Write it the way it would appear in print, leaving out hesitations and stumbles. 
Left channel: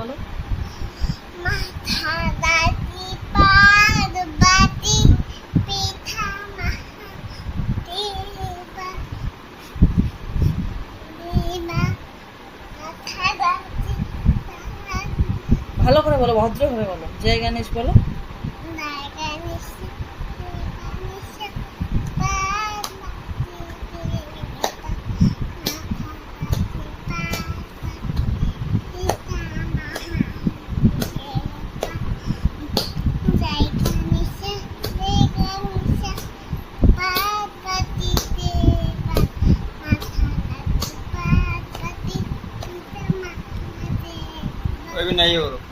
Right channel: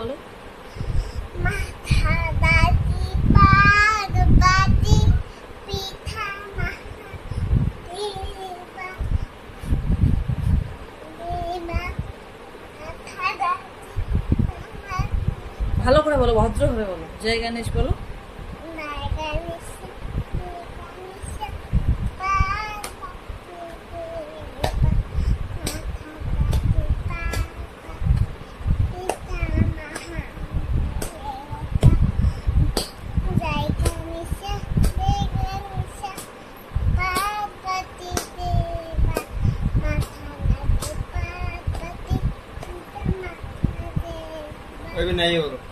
বলো। মাথা দাঁতি পার্বতী পিঠা মাথা দাঁতি। ভালো করে বলো, ভদ্রভাবে বলো। জয় গণেশ বলো। अभी नहीं हो रहा।